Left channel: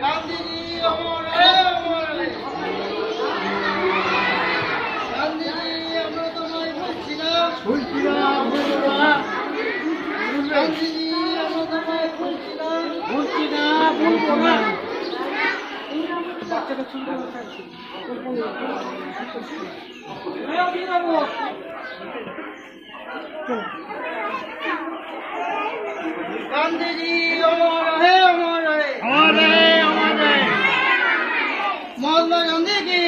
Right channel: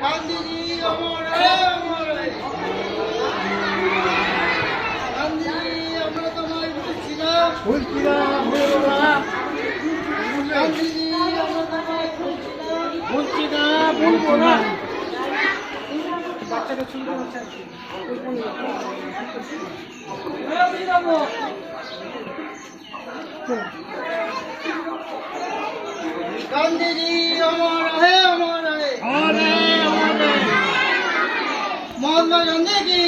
গান্ধীজি অমর হে অমর হে। গান্ধীজি আমরা তোমায় ভুলছি না, গান্ধীজি আমরা তোমায় ভুলছি না, বলবো না। গান্ধীজি অমর হে অমর হে। মহাত্মা গান্ধী কি,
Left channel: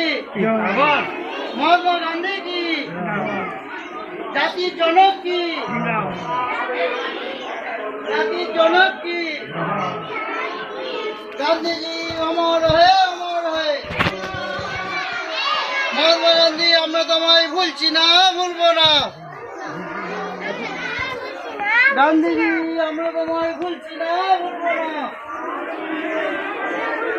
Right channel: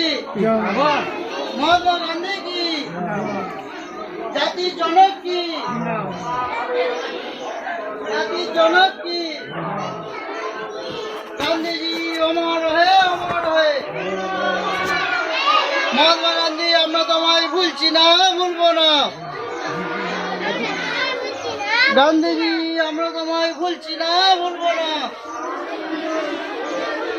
মহাত্মা গান্ধী কি, জাতির জনক কি, জাতির জনক কি। গান্ধীজি অমর হে অমর হে। মহাত্মা গান্ধী আমরা তোমায় ভুলছি না, ভুলবো না। গান্ধীজি আমরা তোমায় ভুলছি না, ভুলবো না।